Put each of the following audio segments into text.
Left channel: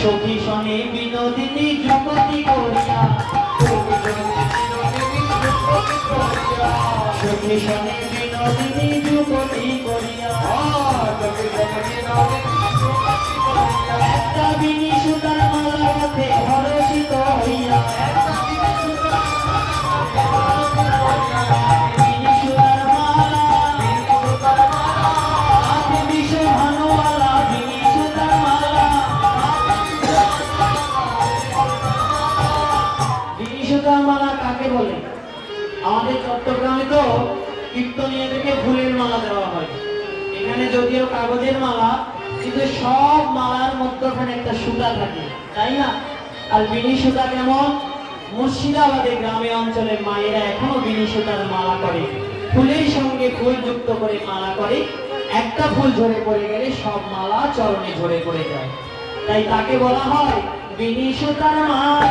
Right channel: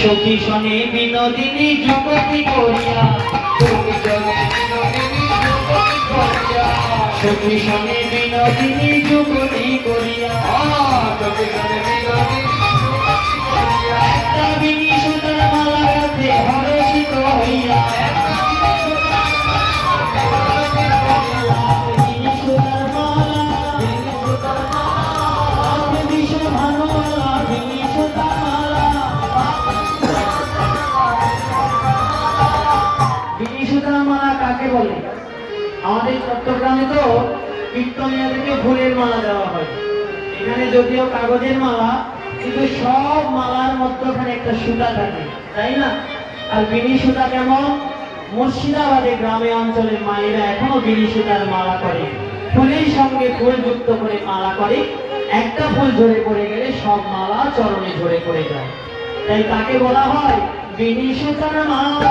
সখী শনে বিনোদিনী যুবতী করিয়া, সখী শনে বিনোদিনী যুবতী করিয়া, একটা বিনি সুতার মালা হাতে হরষিত হইয়া, বিনি সুতার মালা হাতে বিষ ভানুয়ালা, বিনি সুতার মালা। বিনি সুতার মালা কাকে বলে? আমাদের চট্টগ্রামে তো কীর্তনিয়াদেরকে ফুলের মালা দেওয়া হয়। এখানে যদিও কাগজের মালা, কিন্তু সব মালার মধ্যখানে একটা সুতা থাকে, তাই না? আর বিনি সুতা কেমন? মুর্শিদাবাদে গ্রামে অঞ্চলে মায়েরা এখনো বিনি সুতার মালা করে, ফুলের সঙ্গে ফুল যুক্ত করে মালা করে। একটা ফুল ঝরে পড়ে গেলে সব মালা চরণে ঝরে পড়ে যায়, তাই তাকে বলা হয় বিনি সুতার মালা।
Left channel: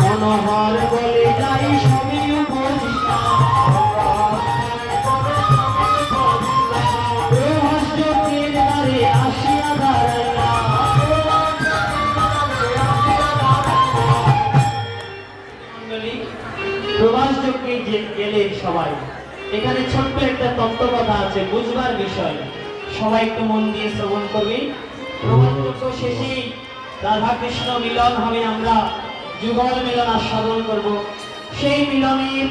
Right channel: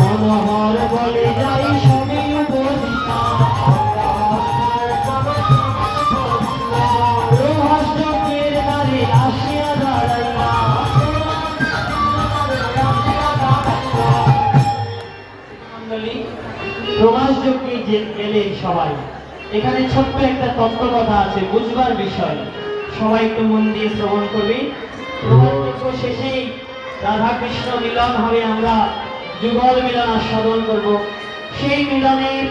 মনোহর বলে যাই সবই উপজিতা, প্রভাসযজ্ঞের দ্বারে আসিয়া দাঁড়াইলা। প্রভাসযজ্ঞে গেলে সবাই, এখানে ছোট্ট একটা তত্ত্ব কথা আছে, বুঝবার বিষয়, সবাই একটু মন দিয়ে শ্রবণ করবে। প্রভাসযজ্ঞ শেষেই রাধা কৃষ্ণ মিলন হবে, আমরা যুগল মিলন আস্বাদন করব। সেই মিলনের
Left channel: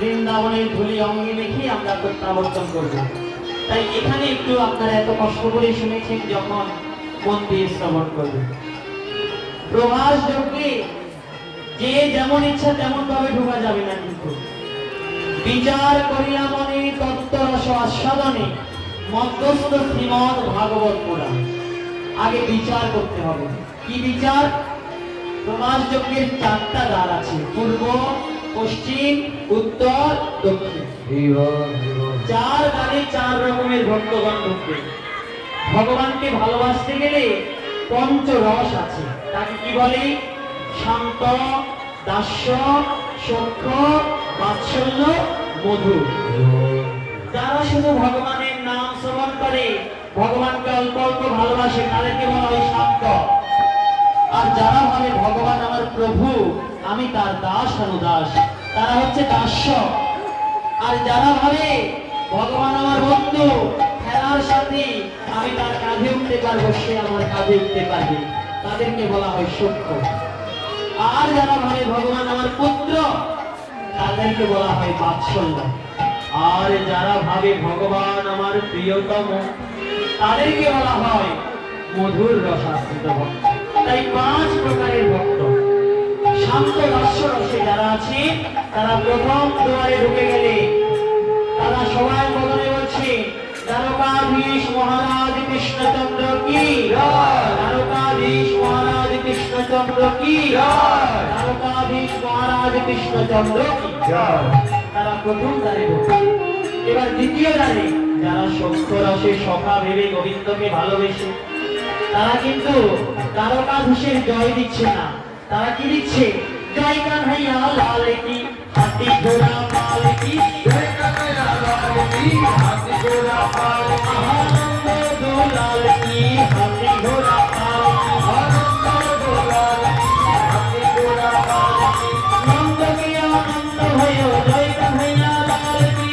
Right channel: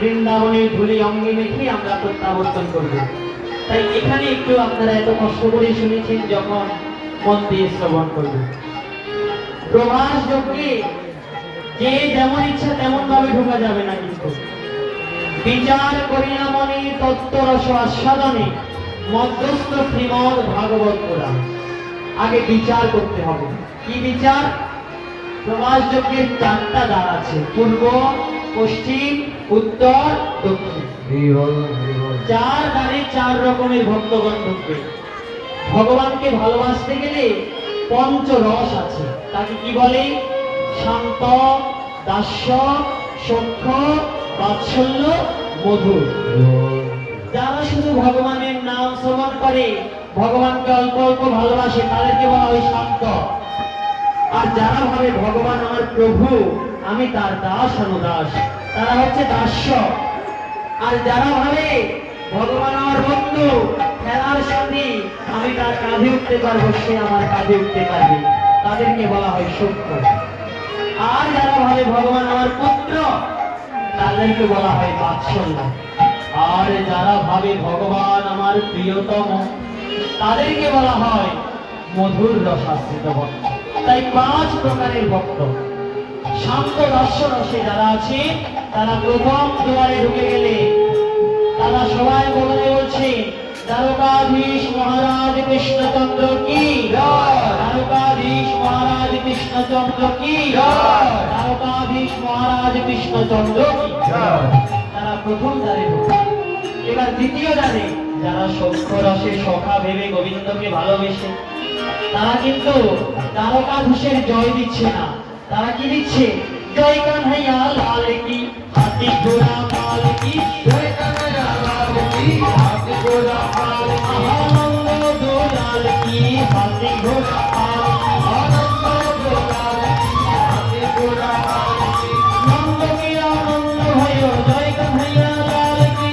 বৃন্দাবনের ধুলি অঙ্গে মেখে আমরা প্রত্যাবর্তন করব। তাই এখানে একটু আপনারা এত কষ্ট করে শুনেছেন, যখন মন দিয়ে শ্রবণ করবে। প্রভাস যজ্ঞে যে যেমন ইচ্ছা তেমন ভাবে ঢোকা যাবে না, কিন্তু বিচার করিয়া মনে তত্ত্বরস আস্বাদনে মধ্যস্থ শ্রীমদ ভাগবত পুরাণ। আগে বিচার করতে হবে। কি বিচার? প্রভাস যজ্ঞের 4টা দ্বার আছে, পূর্ব, পশ্চিম, উত্তর, দক্ষিণ। 4 দ্বারে 4 রকমের ভক্তগণ ঢুকবে। ভগবানকে ভালোবাসতে গেলে পঞ্চরস আছে, তাকে কি বলে? শান্ত, দাস্য, সখ্য, বাৎসল্য, মধুর। যারা শুধু ভগবানের নাম শ্রবণ করে, ভগবানকে অল্প অল্প ভালোবাসে, তাদেরকে বলা হয় শান্ত। আর যারা ভাবে ভগবান আমার প্রভু, আমি তার দাস অনুদাস, তারা হচ্ছে দাস্য। আর যারা ভাবে ভগবান আমার বন্ধু, খেলার সাথী, আমি তার কাঁধে উঠতে পারবো, সে আমার কাঁধে উঠতে পারবে, তাদেরকে বলা হয় সখ্য। আর যারা ভাবে ভগবান আমার পুত্র, তাদেরকে বলা হয় বাৎসল্য। আর যারা ভাবে ভগবান আমার প্রিয়তম, তাদেরকে বলা হয় মধুর রসাশ্রিত ভক্ত। তাই 5 প্রকারের ভক্ত। শান্ত রসে যারা আছে, তারা প্রথম দুয়ারে ঢুকে গেলে তারা সবাই বলে বলছে, দ্বারকাধীশ মহারাজ কৃষ্ণচন্দ্র কি জয়, দ্বারকাধীশ মহারাজ কৃষ্ণচন্দ্র কি জয়, দ্বারকাধীশ মহারাজ কৃষ্ণচন্দ্র কি জয়। তারা প্রথম দ্বারে ঢুকে। এবার দ্বিতীয় দ্বারে যারা সখ্য রসে সখা ভেবে গোবিন্দকে ভালোবেসে, তারা কিন্তু দ্বারকাধীশের জয় দিচ্ছে না, তারা কি দিচ্ছে? জয় কানহাইয়া লাল কি, হাতি ঘোড়া লাল কি, জয় কানহাইয়া লাল কি, হাতি ঘোড়া লাল কি, আনন্দ দোলাল কি, হাতি ঘোড়া লাল কি, আনন্দ দোলাল কি, হাতি ঘোড়া লাল কি, নন্দ কি আনন্দ হয়, জয় কানহাইয়া লাল কি,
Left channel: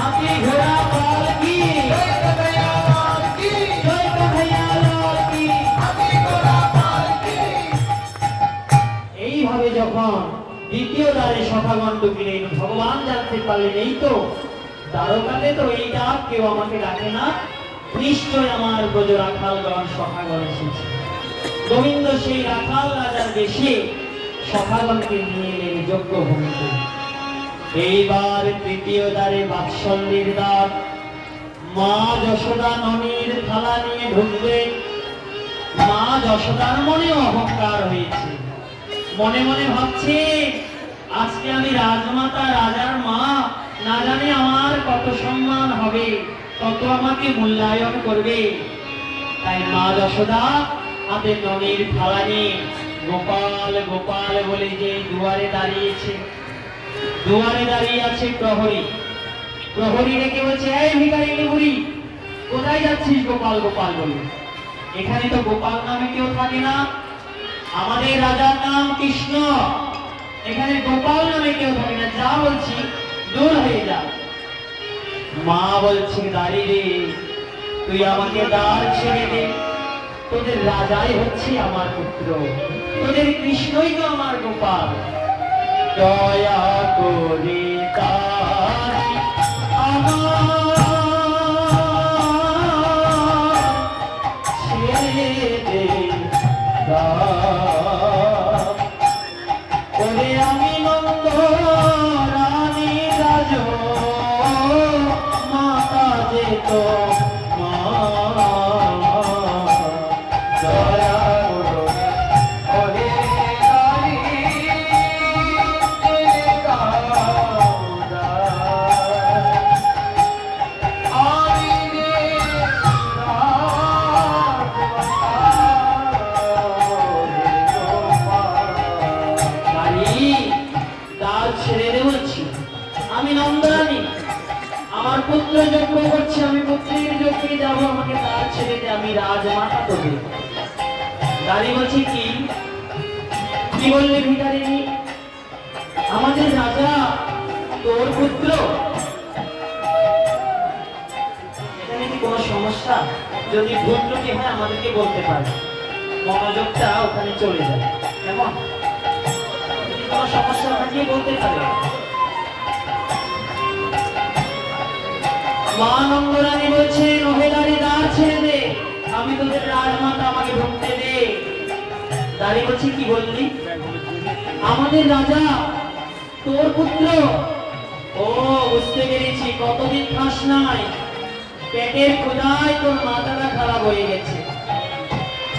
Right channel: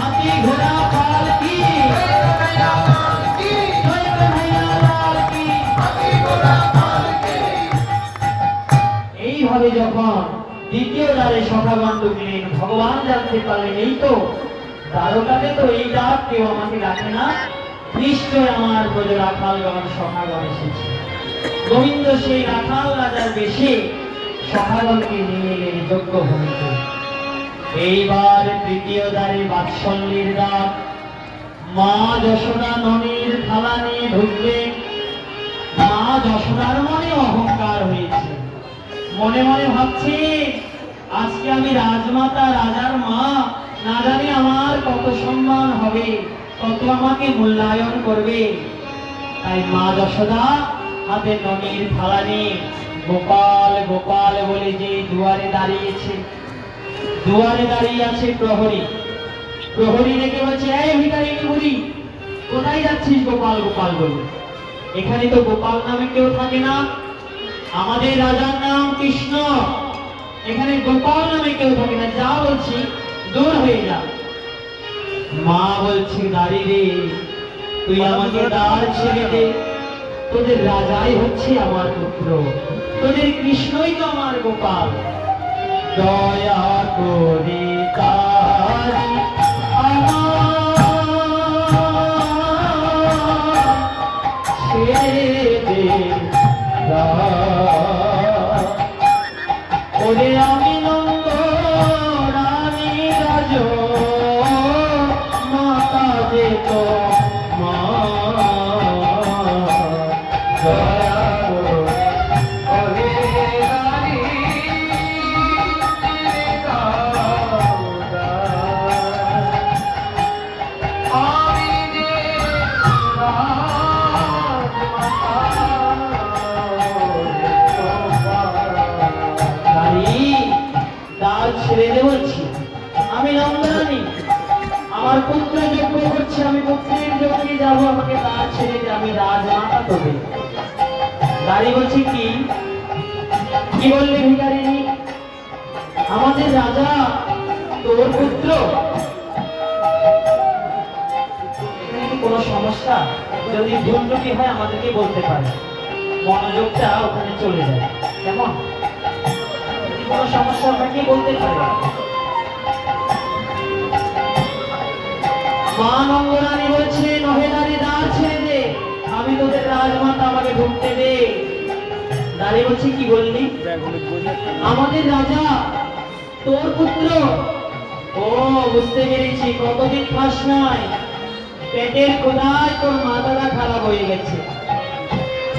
হাতি ঘোড়া লাল কি, এইভাবে যখন দ্বিতীয় দ্বারে সখাগণ ঢুকলেন, ভগবান জানতে পারলেন এই তো দ্বারকাতে তো এই ডাক কেউ আমাকে ডাকে না, নিশ্চয় আমার ব্রজ রাখালগণ সখাগণ এসেছে। গোবিন্দ সেই রাখাল রাজার বেশে সখাগণকে নিয়ে এলেন যজ্ঞ ভূমিতে। এইবার তৃতীয় দ্বারে বাৎসল্যের দ্বার। মা যশোদা ননির থালা নিয়ে ঢুকবে। মা যশোদার মনে অহংকার হয়েছে, মনে মনে ভাবছে আজকে আমি রাজমাতা, রাজার মা, না জানি আমার কত সম্মান হবে, কত আমাকে মূল্যায়ন করবে। তাই মা যশোদা হাতে ননির থালা নিয়ে গোপাল গোপাল বলে যে দুয়ারে দাঁড়িয়েছে, দুয়ারে দাঁড়িয়ে আছে প্রহরী। প্রহরী ডেকে বলছে, এই ভিখারিনী বুড়ি, কোথায় যাচ্ছিস গোপাল গোপাল বলে? এখানে তো গোপাল নামে কেউ থাকে না, আমাদের রাজার নাম কৃষ্ণ, এখানে গোপাল নামে কেউ থাকে না, যা বলছি দূর হয়ে যা। মা বলছে, দাঁড়ি রে, তুই আমাকে দ্বার ছেড়ে দে, তোদের রাজাই হচ্ছে আমার পুত্র, তোদের কৃষ্ণই তো আমার গোপাল, দয়া করে তারি ছেড়ে দে ওরে, আমি নন্দ রানী রাজ মাতা যেত মা, দয়া করে দাঁড়ি ছেড়ে দেবছি, আমি নন্দরানী, আমার পুত্র যজ্ঞ করছে, আমি পুত্রের যজ্ঞে যাবো, আমাকে তার ছেড়ে দে, আমি রাজমাতা তোকে। দাঁড়িয়ে বলছি, কি কি বললি ভিখারিনী? আমাদের রাজা তোর পুত্র, এখানে কি কোনো সমস্যা? যদি ভুল ত্রুটি হয় আমাদেরকে বলতে পারে, মনোযোগটা ওখানে চলে যায়, কেমন? কোনো সমস্যা আপনাকে বলতে পারে। মা নন্দরানী বলছে, নহেদারি দ্বার ছেড়ে দে, আমি তোদের রাজমাতা, আমাকে ঢুকতে দে। দাঁড়িয়ে বলছি, কি বললি? আমাদের রাজা তোর পুত্র? ও বুঝতে পেরেছি, কতদিন খাস নাই, পেটের ক্ষুধায় তোর মাথাটা খারাপ হয়ে গেছে।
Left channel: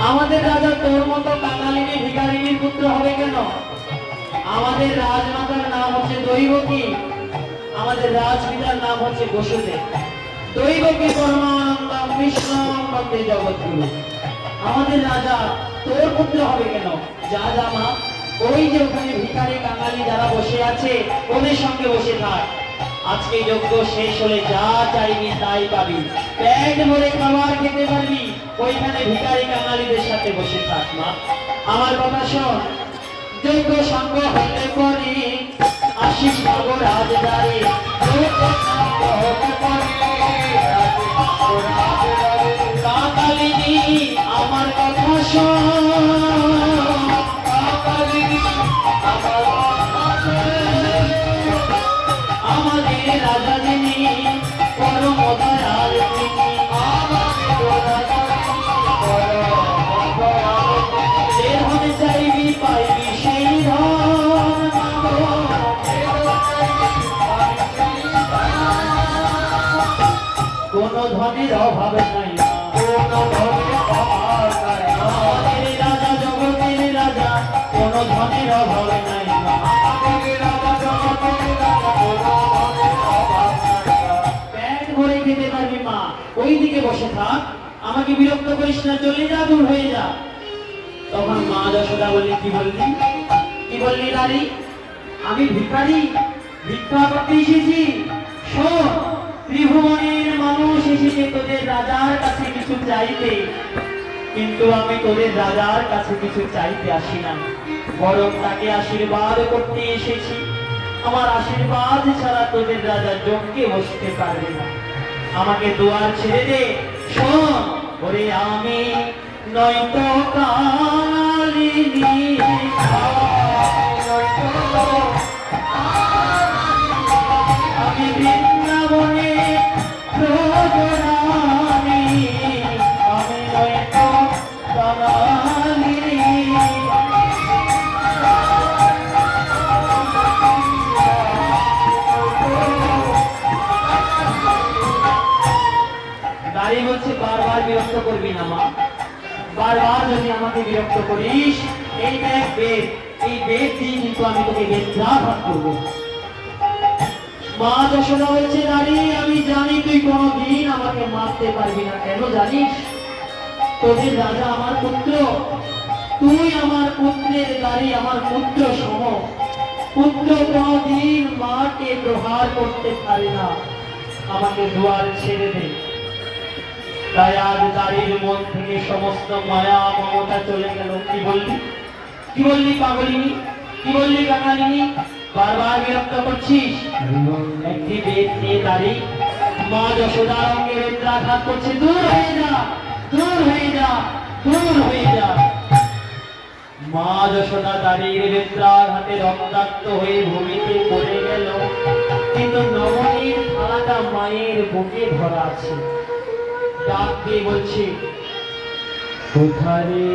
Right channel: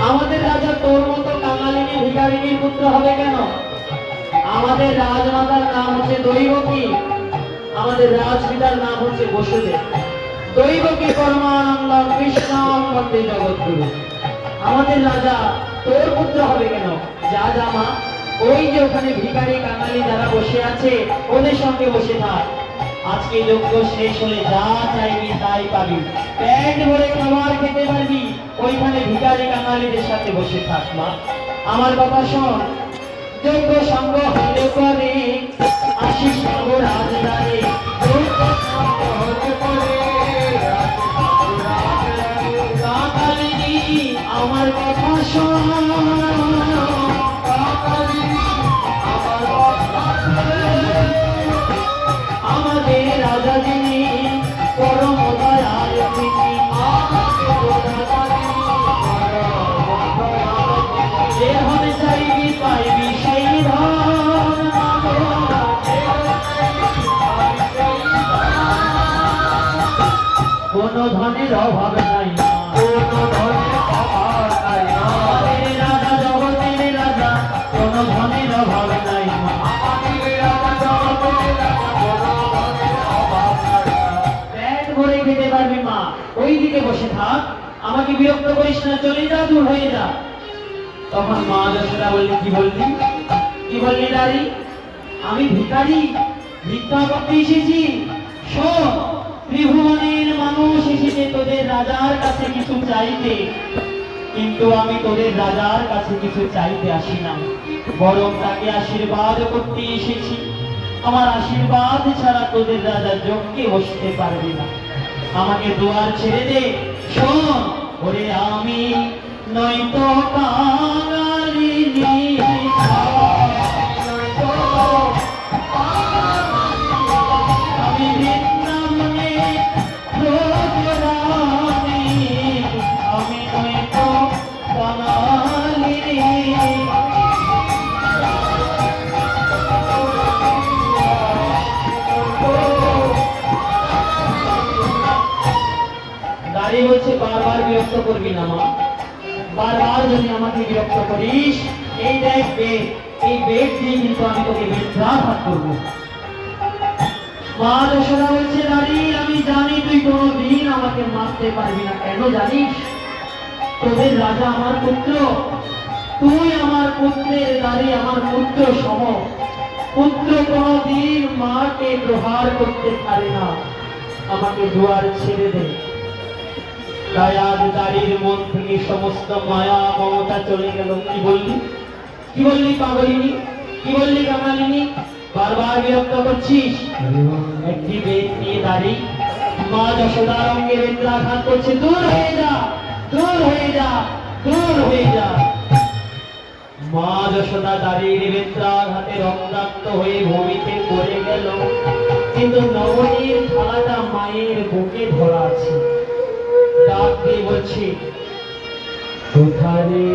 আমাদের রাজা তোর মতো কাঙালিনী ভিখারিনীর পুত্র হবে কেন? আমাদের রাজমাতার নাম হচ্ছে দৈবকী, আমাদের রাজপিতার নাম হচ্ছে বসুদেব। দৈবকী পরমানন্দ কৃষ্ণ বন্দে জগৎগুরু। আমাদের রাজা তোর পুত্র হবে কেন? যা যা মা, ওই যে ওখানে ভিখারি কাঙালি যারা বসে আছে ওদের সঙ্গে বসে থাক, আজকে যজ্ঞ শেষ হলে যা চাইবি তাই পাবি, পেট ভরে খাবার খেতে পারবি, ওইখানে ভিখারি কাঙালিদের সাথে বসে থাক মা। আমার কথা শোন, যজ্ঞ সঙ্গ হলে পরে আশিস পাবো রাজদারে, আমার কথা শোন, আমাদের রাজা যিনি পরম দয়াল তিনি, যে ধন চাইবি পাইবি সেই ধন, কোন ধনের অভাব নাই না, রাজা জগতের রাজা, কোন ধনের অভাব নাই না। পেট ভরে খেতে পারবি মা, ওই দিকে বসে থাক, আমাকে বিরক্ত করিস না, চলে যা, দূর হয়ে যা। তখন মা যশোদা বললি, কি বললি? কি বললি নারী? আমি ভিখারি, ভিক্ষা করতে এসেছি? শোন, ত্রিভুবনের মানুষ এসেছে তোদের রাজার কাছে কিছু চাইতে, কিন্তু আমি তোদের রাজার কাছে কিছু চাইতে আসি না, বরং তাকে আশীর্বাদ করতে এসেছি। আমার আশীর্বাদ ছাড়া তোদের রাজা যজ্ঞে বসতে পারবে না, আমাকে দুয়ার ছেড়ে দে। শোন, ওরে আমি নয়তো কাঙালিনী, আমি বৃন্দাবনে প্রজরামি, আমি নয়তো কাঙালিনী। দাঁড়িয়ে বলছে, বারবার বিরক্ত করবি না মা, বারবার যদি আমাকে বিরক্ত করিস, এই দেখ বেদ, এই বেদ দিয়ে কিন্তু আমি তোকে বেত্রাঘাত করবো। মা যশোদা বলছে, নারী আমি জানি তুই কোনোদিন আমাকে মারতে পারবি না, কেন জানিস? তোদের রাজা আমার পুত্র, তুই আমার পুত্রের নারী, আমার পুত্র সম, পুত্র কোনদিন মাকে প্রহার করতে পারে না, আমাকে দুয়ার ছেড়ে দে। তাই আজ দাড়ির মন থেকে সমস্ত মায়া মমতা চলে গেল। কি বললি, কি বললি পাগলিনী, কি বললি কাঙালিনী? বারবার বিরক্ত করছিস। একটি বেদকে দাড়ি মা যশোদার অঙ্গে বেত্রাঘাত করছে। দূর হয়ে যা, দূর হয়ে যা, দূর হয়ে যা। মা যশোদা দাড়ির বেত্রাঘাতে রক্তাক্ত হয়ে ভূমিতে পড়ে গেল, কিন্তু নবনীর থালাটা মায়ের বুকে ধরা আছে। ডাক দিয়ে বলছি, কোথারে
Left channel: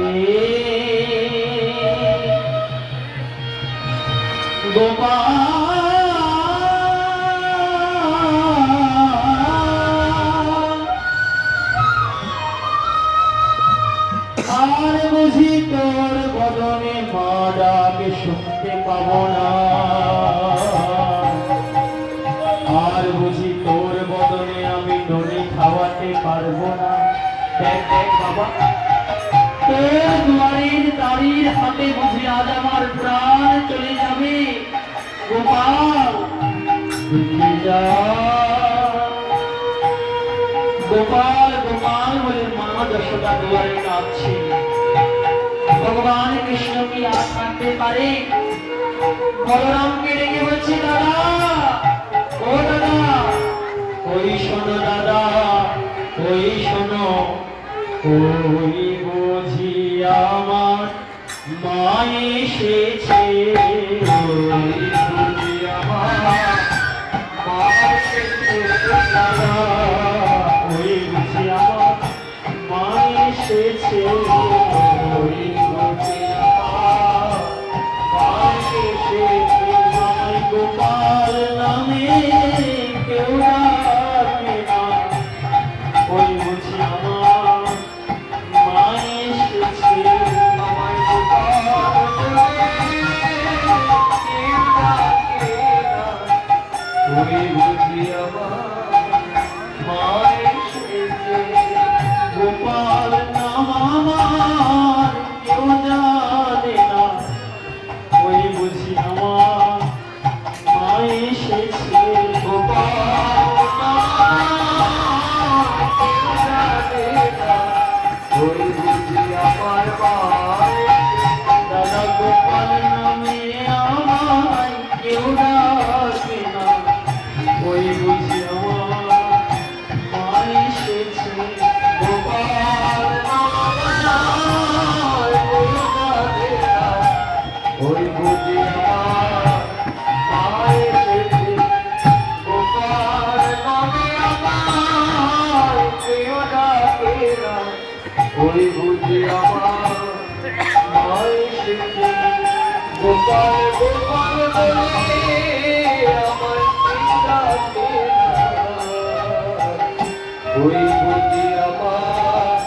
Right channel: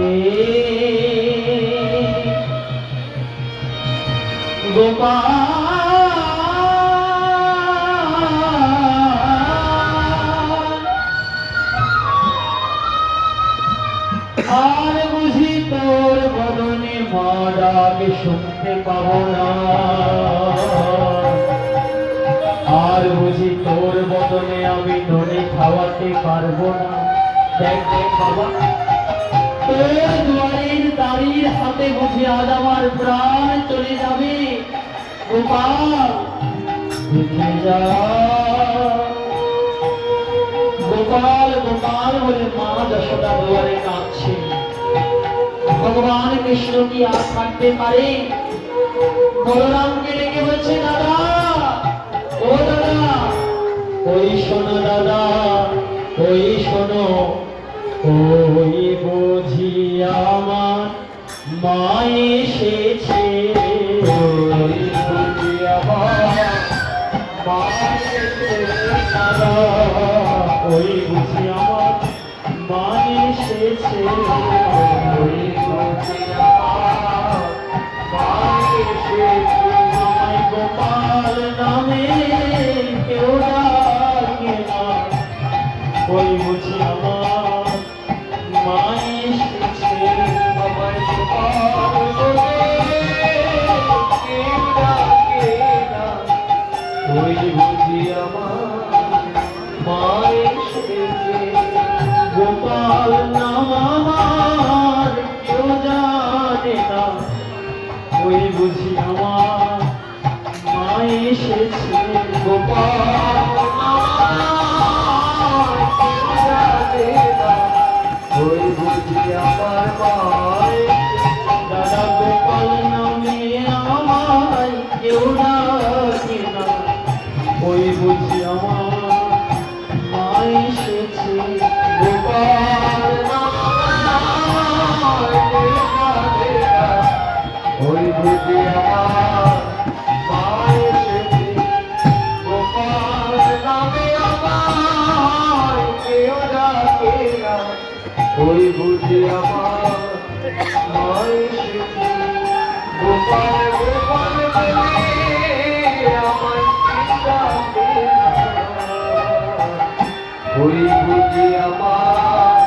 গোপাল, আর বুঝি তোর বদনে মা ডাক শুনতে পাবো না, আর বুঝি তোর বদনে আমি ননি খাওয়াতে পারবো না। দেখ দেখ বাবা, তোর দুয়ারের দাড়ির হাতে বুঝি আজ আমার প্রাণ চলে যাবে। গোপাল বুঝে যা, গোপাল গোপাল বলে মা যশোদা দুয়ারে কাঁদছে। ভগবান কৃষ্ণ কি আর থাকতে পারে? বলরামকে ডেকে বলছে, দাদা, ও দাদা, ওই শোনো দাদা, ওই শোনো, ওই বুঝি আমার মা এসেছে, ওই বুঝি আমার মা এসেছে, ওই বুঝি আমার মা এসেছে, ওই বুঝি আমার মা এসেছে। মাই গোপাল নামে কেউ ডাকে না, ওই বুঝি আমার মা এসেছে। আমায় গোপাল বলে কেউ ডাকে না, ওই বুঝি আমার মা এসেছে। গোপাল নাম আমার কেউ জানে না, ওই বুঝি আমার মা এসেছে। গোপাল ওই বুঝি আমার মা, দাদা গোপাল নামে আমার কেউ ডাকে না, ওই বুঝি আমার মা এসেছে। গোপাল ওই বুঝি আমার মা এসেছে। গোপাল নামে আমার কেউ ডাকে না, ওই বুঝি আমার মা এসেছে। গোপাল গোপাল বলে আমায় ডাকে না, ওই বুঝি আমার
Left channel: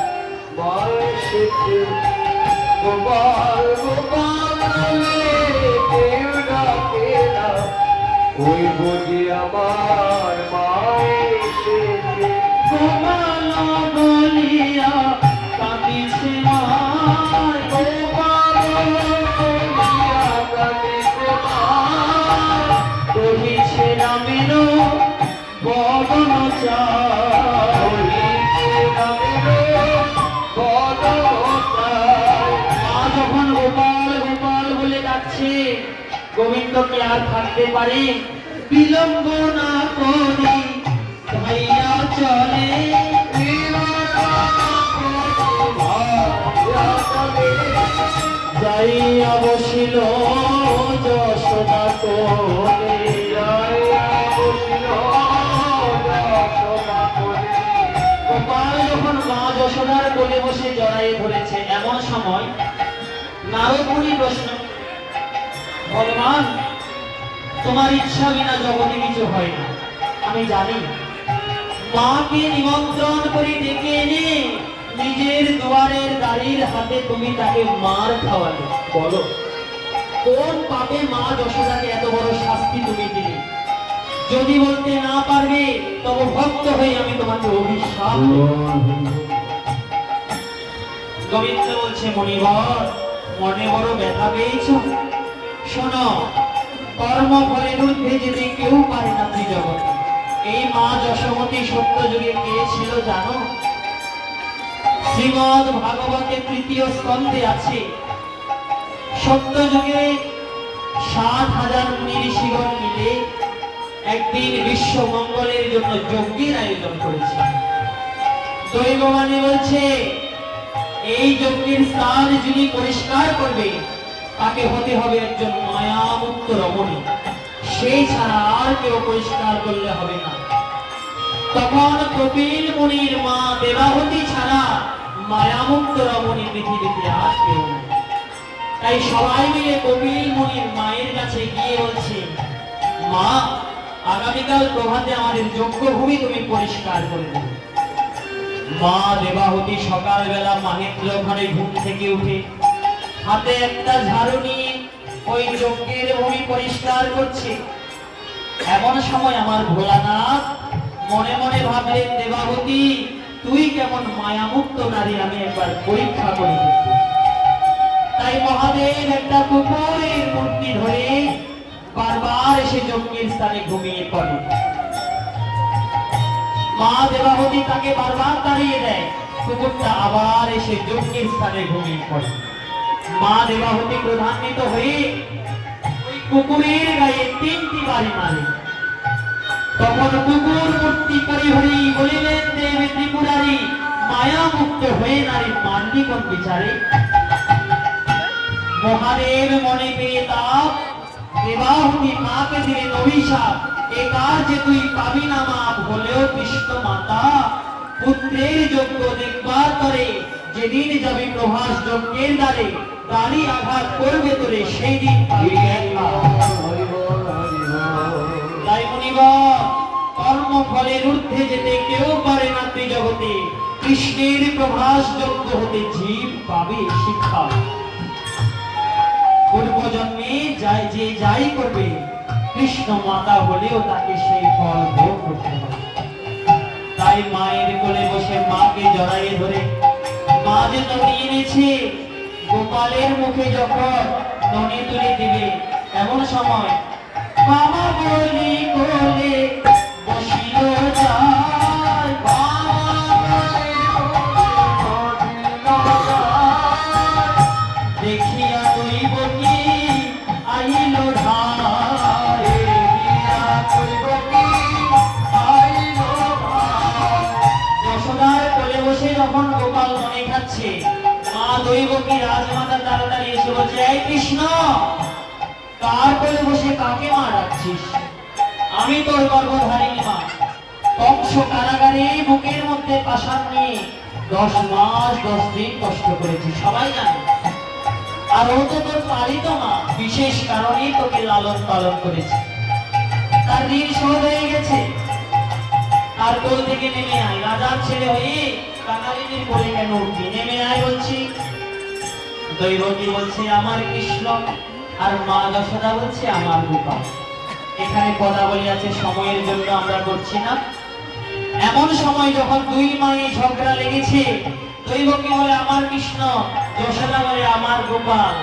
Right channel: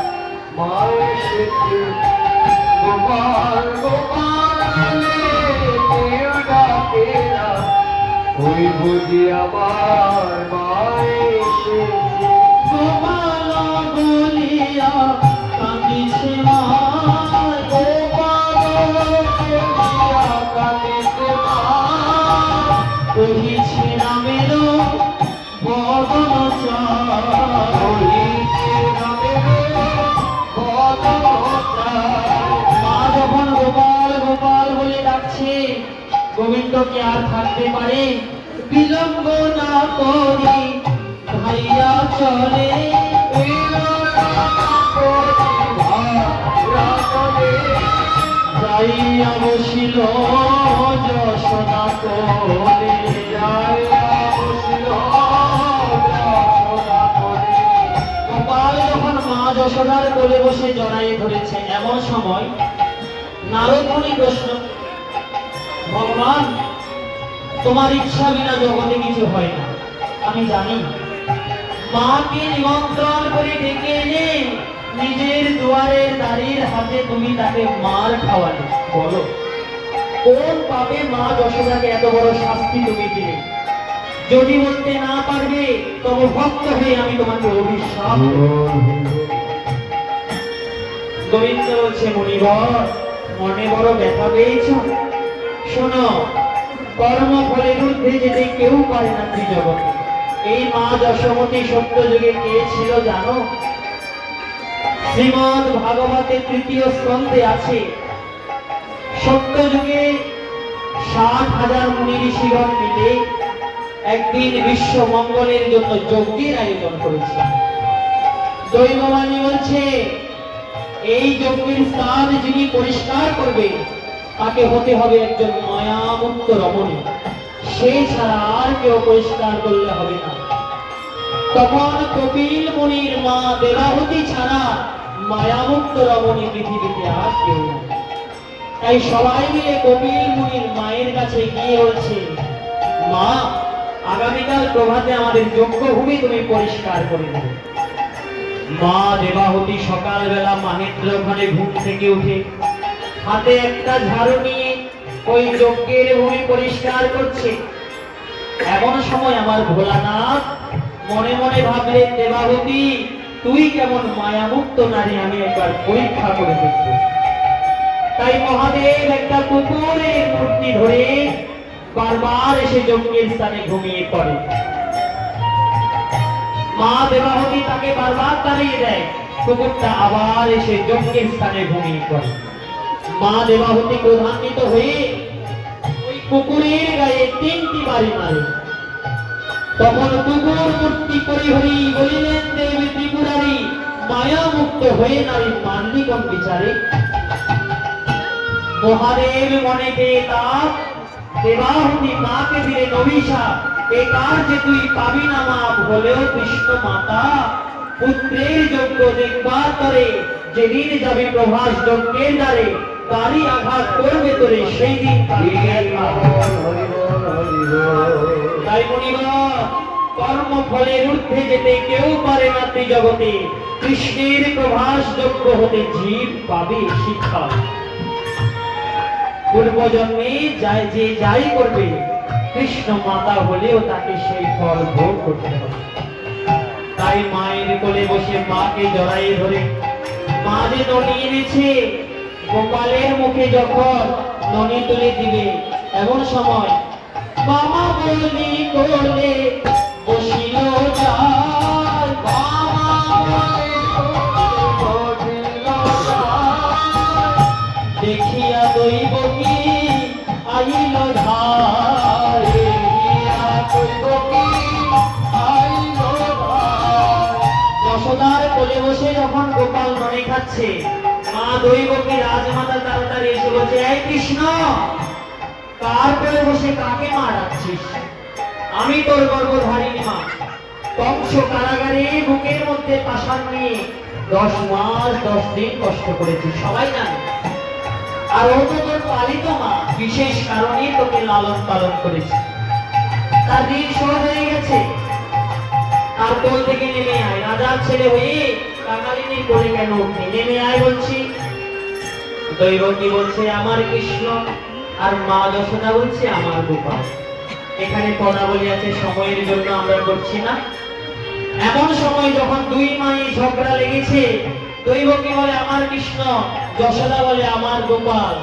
মা এসেছে। গোপাল গোপাল বলে কেউ ডাকে না, ওই বুঝি আমার মা এসেছে। গোপাল বলিয়া কাঁদিছে মা, গোপাল বলিয়া কাঁদিছে মা, কহিছে রামের বদন চাই, কহিছে রামের বদন চাই। মা যখন গোপাল গোপাল বলে ডাকছে, গোবিন্দ কি আর থাকতে পারে? বিলম্ব না করে ভাইয়া চলে, যাইয়া বসিল যশোদা কোলে, যাইয়া বসিল যশোদা কোলে। গোপাল যখন মা যশোদার কোলে বসে জড়াইয়ে ধরেছে, এমন সময় নারদ মুনি প্রশ্ন, ভগবান, তোমার ইচ্ছা বিনা জগতে কিছু হয় না, আমি জানি। মাকে নিমন্ত্রণ করে ডেকে এনে নিজের দুয়ারের দাড়ির হাতে তুমি তাকে মার খাওয়ালে, বলো কোন পাপে মা যশোদাকে এত বড় শাস্তি তুমি দিলে? যদি বলতে না পারবে তবে ভক্ত হয়ে আমি তোমাকে অভিশাপ দেব। গোবিন্দ বলছে, মণিবর, মনে বড় ব্যথা পেয়েছ? শোনো, কর্ম ফলের ঊর্ধ্বে যেতে কেউ পারে না ত্রিজগতে। এই মা যশোমতী সত্য যুগে কে ছিল জানো? শ্রীমদ ভাগবতে তৃতীয় স্কন্ধে আছে, সত্য যুগে 60,000 মুনি ঋষিগণ মিলে একদিন বিশ্ব মঙ্গলের জন্য যজ্ঞের আয়োজন করেছে। দৈববাণী বলছে এই যজ্ঞের স্থান যিনি পরিষ্কার করবে তাকে হতে হবে একজন মায়ামুক্ত রমণী, সেই ছাড়া আর কেউ পরিষ্কার করলে হবে না। তখন কপিল মুনির মা দেবাহুতি ছাড়া মায়ামুক্ত রমণী পৃথিবীতে আর কেউ নেই। তাই সবাই মিলে কপিল মুনির মায়ের কাছে গিয়ে বলছে, মা আগামীকাল প্রভাতে আমাদের যজ্ঞভূমি তুমি পরিষ্কার করে দেবে। মা দেবাহুতি সকালবেলা মাহেন্দ্র ঘরে ঘুম থেকে উঠে হাতে একটা ঝাড়ু নিয়ে ওই যজ্ঞের ভূমি পরিষ্কার করছে। এমন সময় আমার ভোলানাথ মনে মনে ভাবলেন, দেবাহুতি তুই কেমন মায়ামুক্ত নারী, আমি একবার পরীক্ষা করে দেখব। তাই মহাদেব একটা কুকুরের মূর্তি ধরে বারবার এসে যজ্ঞের স্থানে ঘুমিয়ে পড়ে। মা দেবাহুতি তাকে বারবার তাড়িয়ে দেয়, কুকুরটা আবার এসে যজ্ঞের স্থানে ঘুমিয়ে পড়ে। মা দেবাহুতি ক্রোধান্বিত হয়ে ওই কুকুরের গায়ে 3টি বাড়ি মারে। তখন কুকুর মূর্তি পরিহরি বলিলেন, দেব ত্রিপুরারি মায়া মুক্ত হয়ে নারী মারলি কোন বিচারে? মহাদেব মনে পেয়ে তাপ, দেবাহুতি মাকে দিলেন অভিশাপ, এ কার্যে তুই পাবি না মাপ, হলেও কৃষ্ণ মাতা পুত্রের যজ্ঞ দেখবার তরে যেদিন যাবি প্রভাস যজ্ঞের দ্বারে, তারই আঘাত করবে তোরে সেই দিন পাবি জ্ঞান। তাই মুনিগণ, কর্ম ফলের ঊর্ধ্বে যেতে কেউ পারে না ত্রিজগতে, কৃষ্ণের প্রভাস যজ্ঞ হতে জীব পাবে শিক্ষা। পূর্বজন্মে যে যাই করবে কৃষ্ণ মাতা হলেও তাকে সেই ফল ভোগ করতে হবে। তাই মায়ের কোলে বসে মাকে জড়াই ধরে মা যে ননি এনেছে, গোপালের মুখে যখন ননি তুলে দিবে এমন সময় মামা বলি কোলে বসিল যায়, দেখিয়া দৈব কি আইল ধারে, যশোদার কোলে বসে যখন গোপাল ননি খাচ্ছে, মা দৈবকী রাজমাতা তাড়াতাড়ি এসে বলছে, এই কৃষ্ণ কার কোলে বসে কাকে মা ডাকছিস? আমি তোর গর্ভধারিণী মা, কংস কারাগারে বুকের মধ্যে পাষাণ নিয়ে 10 মাস 10 দিন কষ্ট করেছি, সবাই জানে। আর ও তো তোর পালিত মা, বিশেষ কারণে তোকে লালন পালন করেছে। তার ঋণ শোধ হয়ে গেছে। আর কোল থেকে নেমে আয়, রাজার ছেলে হয়ে কাঙালিনীর কোলে কেন উঠে? নেমে আয় বলছি। দৈবকী বলছে আমার কৃষ্ণ, আর মা যশোদা বলছে আমার গোপাল। এখানে পদাবলী আছে, সময়ের জন্য আমরা করছি না। এমন সময় যখন দুই মায়ে ঝগড়া লেগেছে, দৈবকী বলে আমার কৃষ্ণ, যশোদা বলে আমার গোপাল।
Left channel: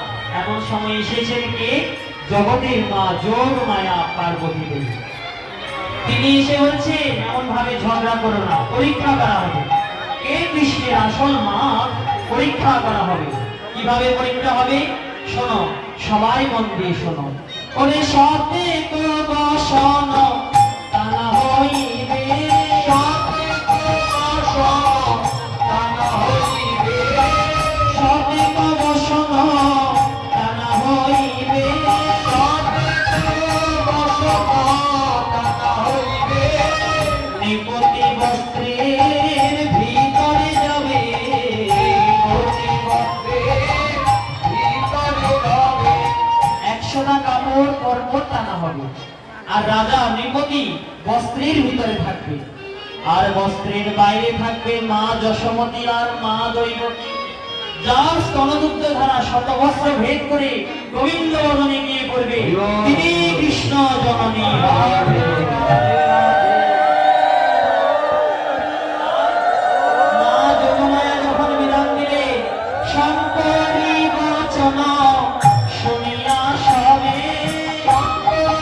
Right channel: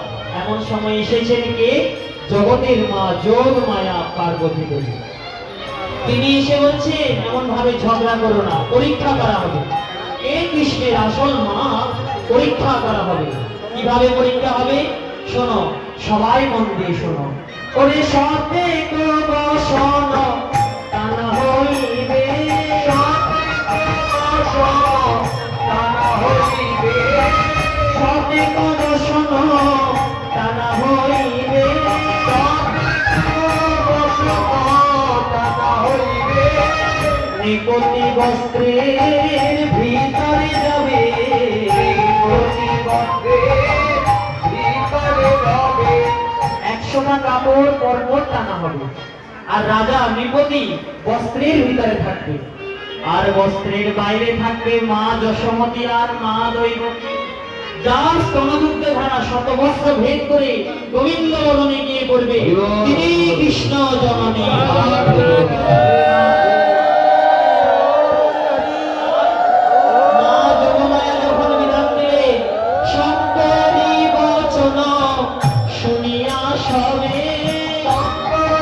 এমন সময় এসেছেন কে? জগতের মা যোগ মায়া পার্বতী দেবী। তিনি এসে বলছে এমন ভাবে ঝগড়া করো না, পরীক্ষা করা হবে। কে কৃষ্ণের আসল মা পরীক্ষা করা হবে। কিভাবে পরীক্ষা হবে শোনো, সবাই মন দিয়ে শোনো। ওরে সতে তো বসন টানা হইবে, সতে তো বসন টানা হইবে, সতে তো বসন টানা হইবে, সতে তো বসন টানা হইবে, নিকটি বস্ত্রের ভিতরে যাবে, নিকটি বস্ত্রের ভিতরে যাবে, 100টা কাপড় পরপর টানা হবে। আর রাজা নৃপতি বস্ত্রের ভিতরে থাকবে, আর বস্ত্রের বাইরে থাকবে মা যশোমতী আর মা দৈবকী। যার স্তনযুক্ত ধারা শতবস্ত্র ভেদ করে গোবিন্দ বদনে গিয়ে পড়বে, তিনি কৃষ্ণ জননী। মা যোগমায়া যখন বিধান দিলে, শঙ্করী বচন শুনিয়া সবে, শঙ্করী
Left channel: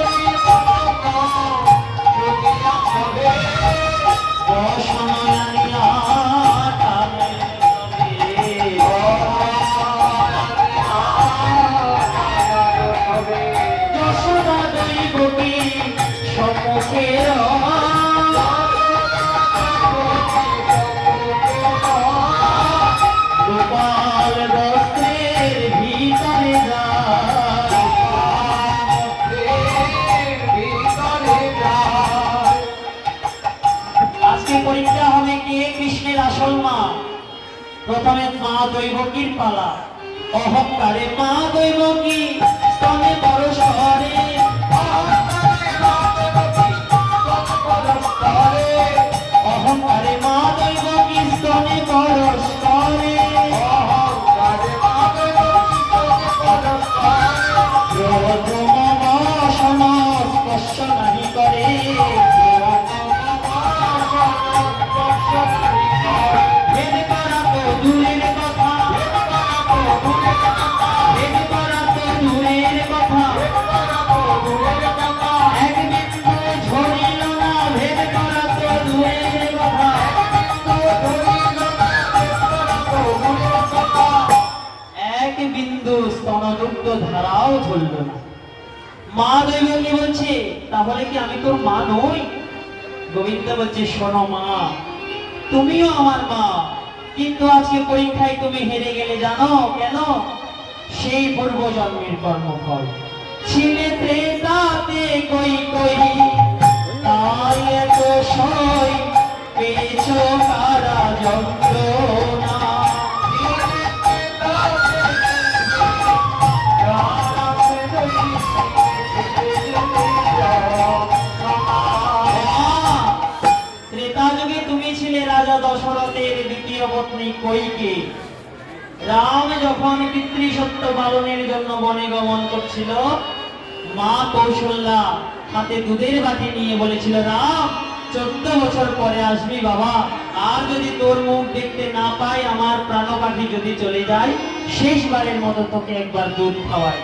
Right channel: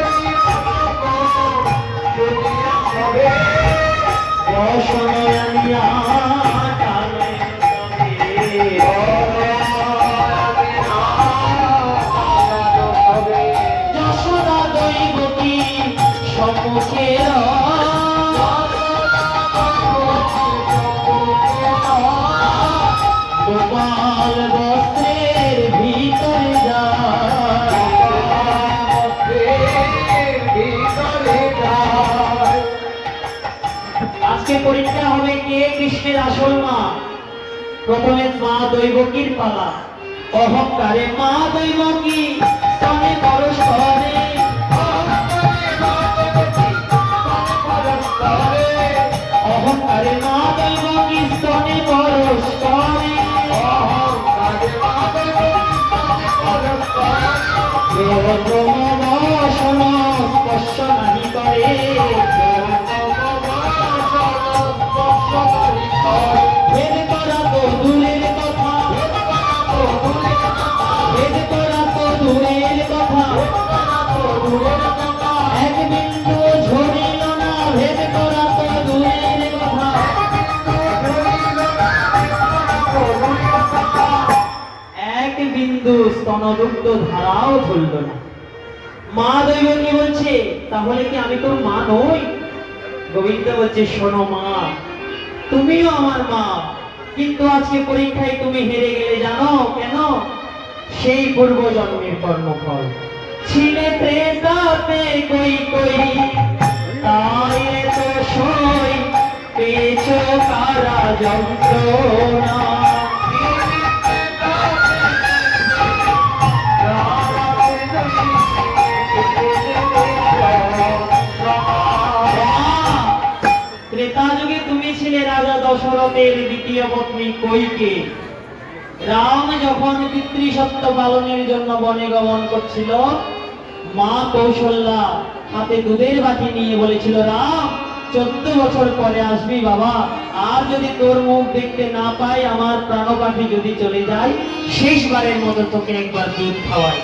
পরীক্ষা হবে কে কৃষ্ণের আসল মা। প্রথমে মা দৈবকীর পালা। অহংকারে মা দৈবকী স্তনে পরশ করে, অহংকারে মা দৈবকী স্তনে পরশ করে, স্পর্শ নাহি করে, ভেদ করা তো দূরের কথা, ভেদ করা তো দূরের কথা, এক বিন্দু ঝরিল না, ভেদ করা তো দূরের কথা, এক বিন্দু স্তনদুগ্ধ ধারাও ঝরল না। মা দৈবকী বলছে, তাহলে কি আমি তোর মা নই? গোবিন্দ বলছে, শোনো মা, তুমিও আমার মা, কিন্তু আজকে পরীক্ষায় তুমি হেরে গেলে। জানো কেন? সেই পূর্ব জন্মের কর্মফল। ছিলে ত্রেতাতে কই কই, তাই এত সই, পেয়েছো কারা যন্ত্রণা। ত্রেতা যুগে তুমি ছিলে রাজা দশরথের দ্বিতীয় পত্নী কইকে। রাম যখন পিতৃসত্য পালনের জন্য বনে গমন করছিল, মা কৌশল্যা হাতে দুধের বাটি নিয়ে বলেছিল, রাম 14 বছর পরে আসবি বাবা, আর যদি তোর মুখ দেখতে না পাই, আমার প্রাণপাখি যদি চলে যায়, শেষবারের মতো তোকে একবার দুধ খাওয়াই।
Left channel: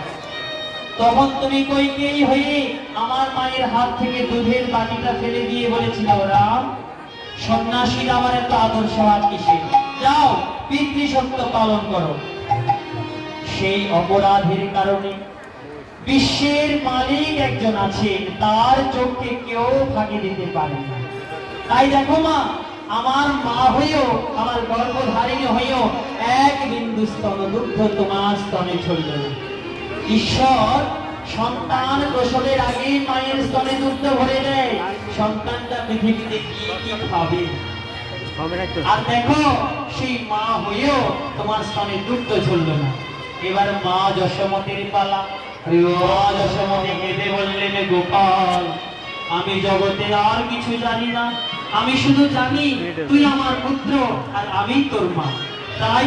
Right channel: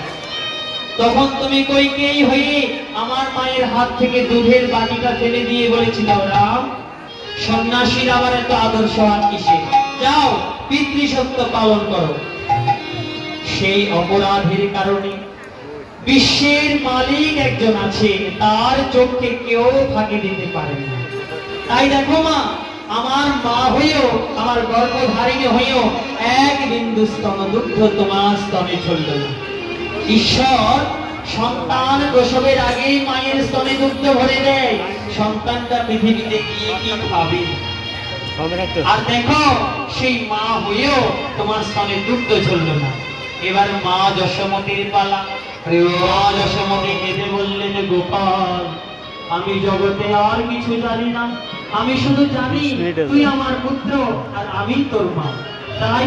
তখন তুমি কইকেই হয়ে আমার মায়ের হাত থেকে দুধের বাটিটা ফেলে দিয়ে বলেছিল, রাম, সন্ন্যাসীর আবার এত আদর্শ আর কিসে, যাও পিতৃসত্য পালন করো। সেই অপরাধের কারণে বিশ্বের মালিক একজন আছে, তার চোখকে কেউ ফাঁকি দিতে পারে না। তাই দেখো মা, আমার মা হইও, আমার গর্ভধারিণী হইও, এক বিন্দু স্তনদুগ্ধ তোমার স্তনে ঝরল না। ঈশ্বর সন্তান প্রসবের আগে মায়ের স্তনে দুগ্ধ ভরে দেয়, সন্তানটা পৃথিবীতে গিয়ে কি খাবে। আর দেখো, সেই মা হইও তোমার স্তনে দুগ্ধ ঝরল না। এবার মা যশোমতীর পালা। মা যশোমতী কেঁদে বললেন, গোপাল, আমি জগতে আর কিছু জানি না, আমি শুধু জানি তুই আমার পুত্র আর আমি তোর মা। তাই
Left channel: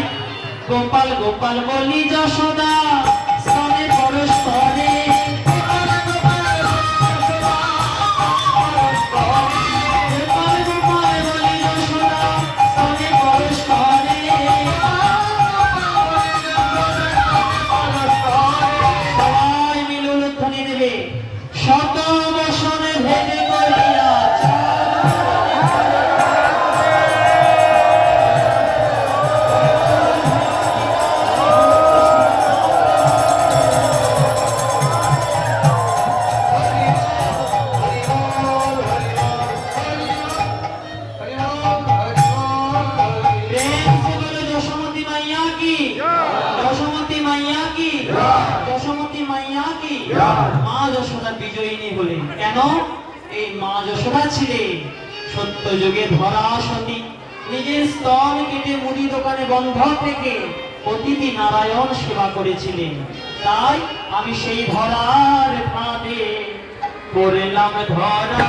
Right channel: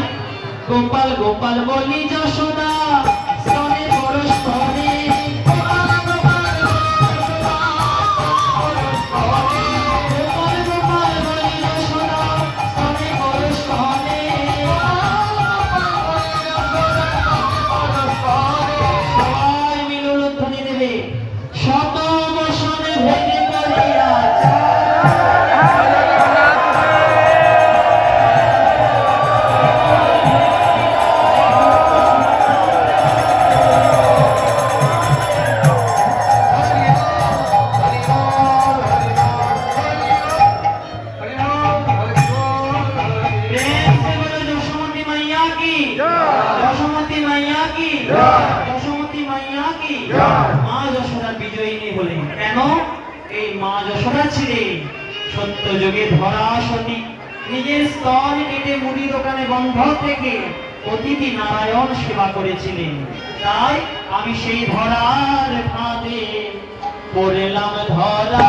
গোপাল গোপাল বলি যশোদা, স্তনে পরশ করে, গোপাল গোপাল বলি যশোদা, স্তনে পরশ করে। সবাই মিলে উলুধ্বনি দেবে, শত বছরে ভেঙে করিয়া মা যশোদা বিজয়িনী হলেন। কেন? এই মা যশোদা ছিলেন সত্য যুগে ধরা সতী, নিজের স্তন কেটে মুদি দোকানে বন্ধ থেকে অতিথি নারায়ণ সেবা করেছিলেন। তাই আমি সেই ধরার ফাঁদে পড়লাম, ধরা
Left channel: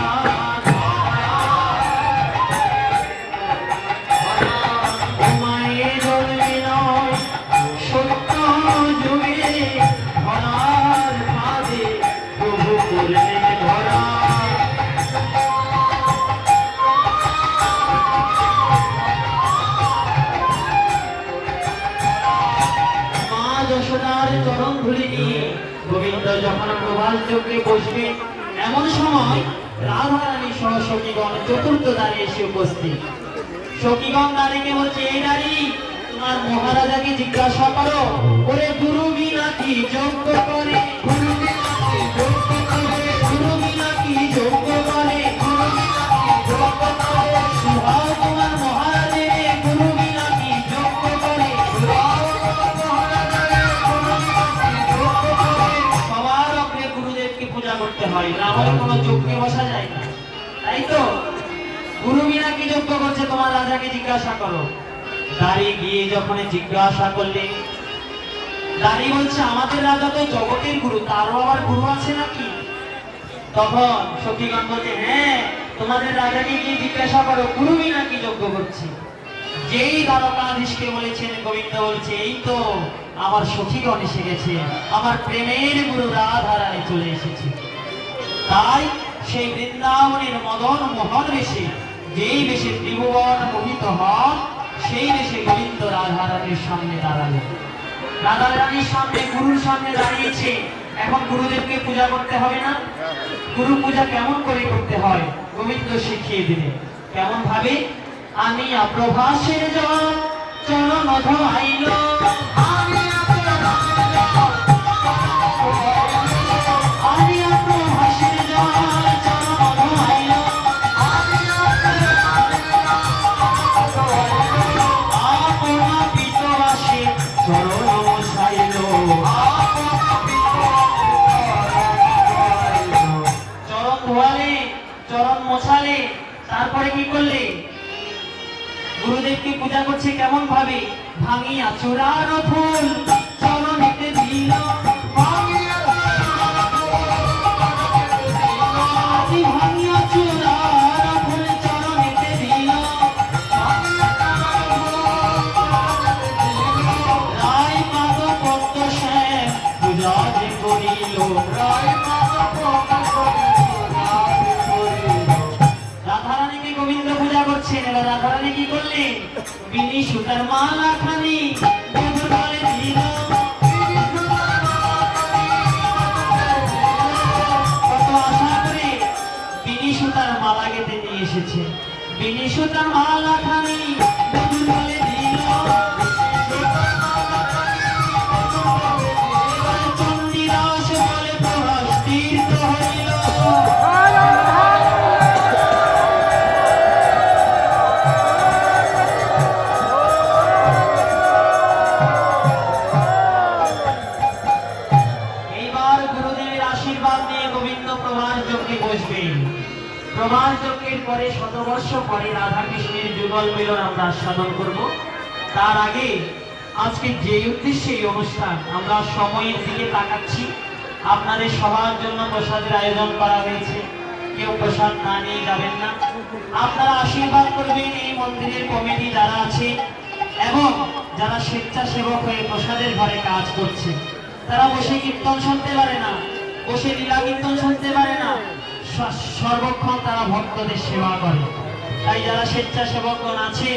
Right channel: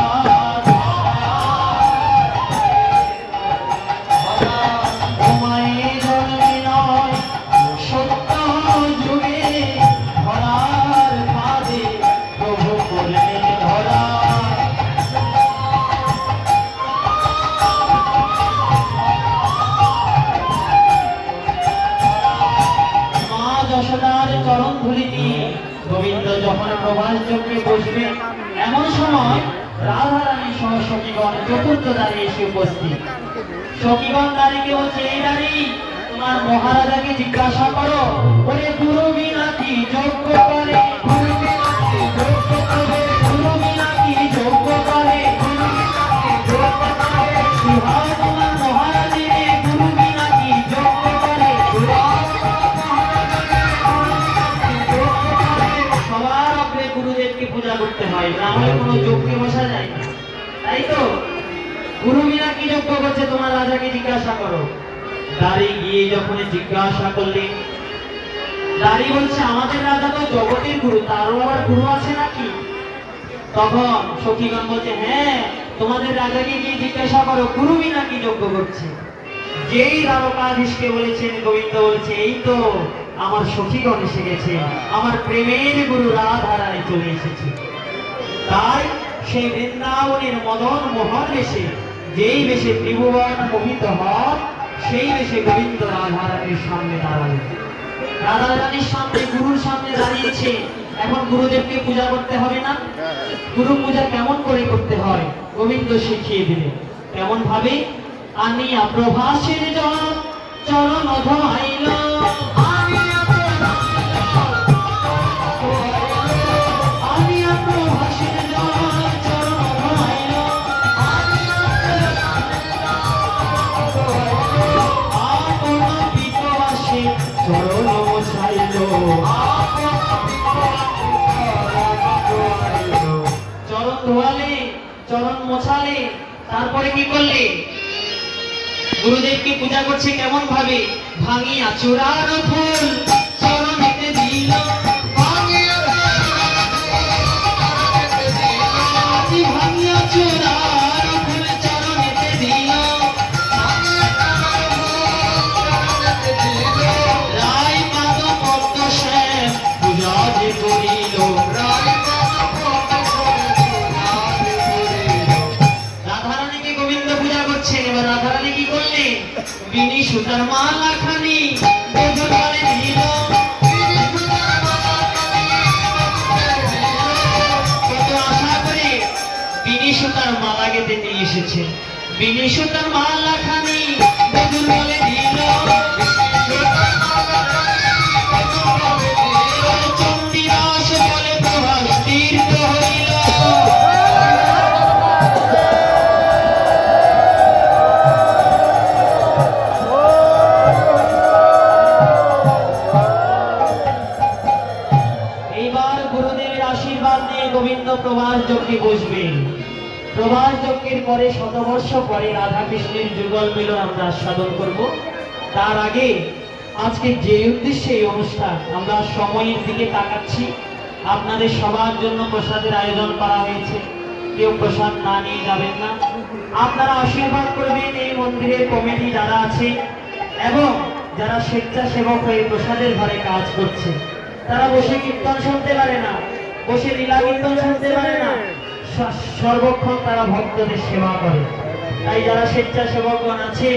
যশোদার চরণ ধরে নিয়ে গোবিন্দ যখন প্রভাস চক্রে বসবে, এমন সময় রাধারানী সহ সখীগণ চতুর্থ দ্বারে এসে উপস্থিত। সখীগণ নারীকে বলছে, এই নারী, তোমার মহারাজাকে জিজ্ঞাসা করো, ওরে গুরু বিনা কি যোগ্য করে, গুরু বিনা কি যোগ্য করে, গুরু বিনা কি যোগ্য করে, গুরু বিনা কি যোগ্য করে, সুভাষ তোমার মহারাজের গুরু বিনা কি যোগ্য করে, সবার আপনি গুরুদেবকে পূজা করতে হয়, না হলে কোনো যোগ্যে বসা যায় না। তাই তো গুরু বিনা কি যজ্ঞ করছে তোমার রাজাকে জিজ্ঞাসা করো। দাঁড়ি গিয়ে যখন জিজ্ঞাসা করলেন, দাঁড়ি বলছে আমাদের রাজা তো জগতের গুরু, তারও আবার গুরু আছে নাকি? তখন সখীগণ বলছে হ্যাঁ, তোমাদের রাজাকে গিয়ে জিজ্ঞাসা করো গুরু বিনা কি যজ্ঞ করছে। যেই দ্বারকাধীশকে বলেছেন, গোবিন্দ বলছে এই তো আমার সখীগণ এসে গেছে, আমার প্রেমের গুরু রাধা রানী চলে এসেছে। তাই সেই বৃন্দাবনের মদন মোহন বেশে, যেই বেশে ত্রিভুবন মোহিত হন, সেই বেশে গোবিন্দ রাধা রানীর সামনে দাঁড়াবে। রাধা রানীর সামনে গুরুর সামনে দাঁড়িয়েছে, এখন গুরুদেবকে পূজা করতে হবে না? গুরু পূজা কেমন করে করতে হয় গোবিন্দ শিখিয়ে দিলেন। কেমন ভাবে? আমি প্রভাসের জল চরণ ধোয়াইল, আমি প্রভাসের জল চরণ ধোয়াইল, আপনা পিতবাসে চরণ মোছাইল, চরণ ধোয়ালে, চরণ মোছালে, তারপরে কি করলে? গুরুদেবকে পূজা করছে কেমন ভাবে? ভাঙিয়া চূড়ার ফুল চরণেতে দিল, আজি ভাঙিয়া চূড়ার ফুল চরণেতে দিল, রায় পাদ পদ্ম শ্যাম পূজা যে করিল, রাধারানীকে গোবিন্দ পূজা করছেন। এবার রাধারানী কি করলেন? বিনি সুতার মালা খানি বধূরে দিল, কত আশা করে বিনি সুতার মালা গেঁথে নিয়ে এসেছেন। বিনি সুতার মালা খানি বধূর বলে দিল, চণ্ডীদাস বলে প্রভাস তীর্থ হইল। এইবার গুরুদেবের আশীর্বাদ নিয়ে গোবিন্দ প্রভাস যজ্ঞে বসবেন। প্রভাস যজ্ঞের পরে শতবর্ষ পরে রাধা কৃষ্ণের যুগল মিলন আমরা সাধন করব। তার আগে আজকে যে উদ্দেশ্যে এই অনুষ্ঠান, আমরা সময়ের দিকে তাকাচ্ছি। আপনাদের সবার জন্য প্রসাদের আয়োজন করা হয়েছে, কেউ প্রসাদ না নিয়ে যাবেন না। আপনারা আশীর্বাদ করবেন এই মন্দিরের কমিটি যারা আছে এবং যারা স্বেচ্ছাসেবক হয়ে প্রসাদের ঘরে কাজ করছে। তারা বসে কীর্তন শুনতে পারে না, বসে লীলা কীর্তন শুনতে পারে না, সর্বক্ষণ তারা ভক্তদের সেবা করে। তাই যারা স্বেচ্ছাসেবকগণ আছে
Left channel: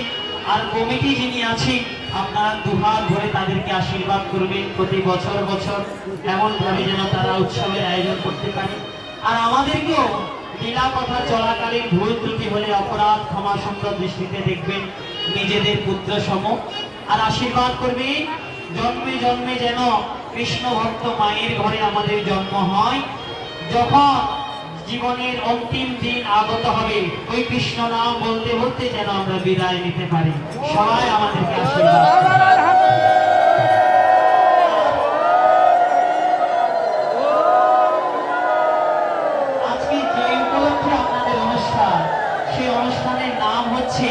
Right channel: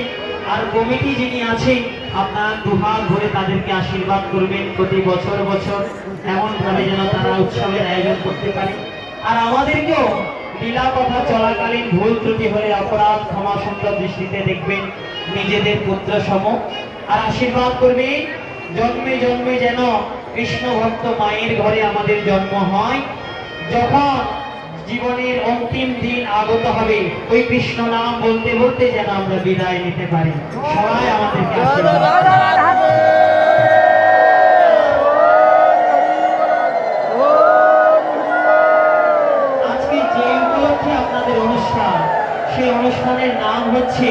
আর কমিটি যিনি আছেন, আপনারা দুহাত ভরে তাদেরকে আশীর্বাদ করবেন প্রতি বছর বছর, এমন ভাবে যেন তারা উৎসবের আয়োজন করতে পারে। আর আমাদেরকেও লীলা কথা চলাকালীন ভুল ত্রুটি হলে অপরাধ ক্ষমা সুন্দর দৃষ্টিতে দেখবেন নিজেদের পুত্র সম। আর আশীর্বাদ করবেন জন্মে জন্মে যেন কৃষ্ণ ভক্ত মায়ের ঘরে আমাদের জন্ম হয়। যখন জীবনের অন্তিম দিন আগত হবে, ওই কৃষ্ণ নাম বলতে বলতে যেন আমরা বিদায় নিতে পারি। সবাই আমাদেরকে আশীর্বাদ। আজকে যে উপলক্ষে আপনাদের অনুষ্ঠান, সেই অনুষ্ঠানের নাম হচ্ছে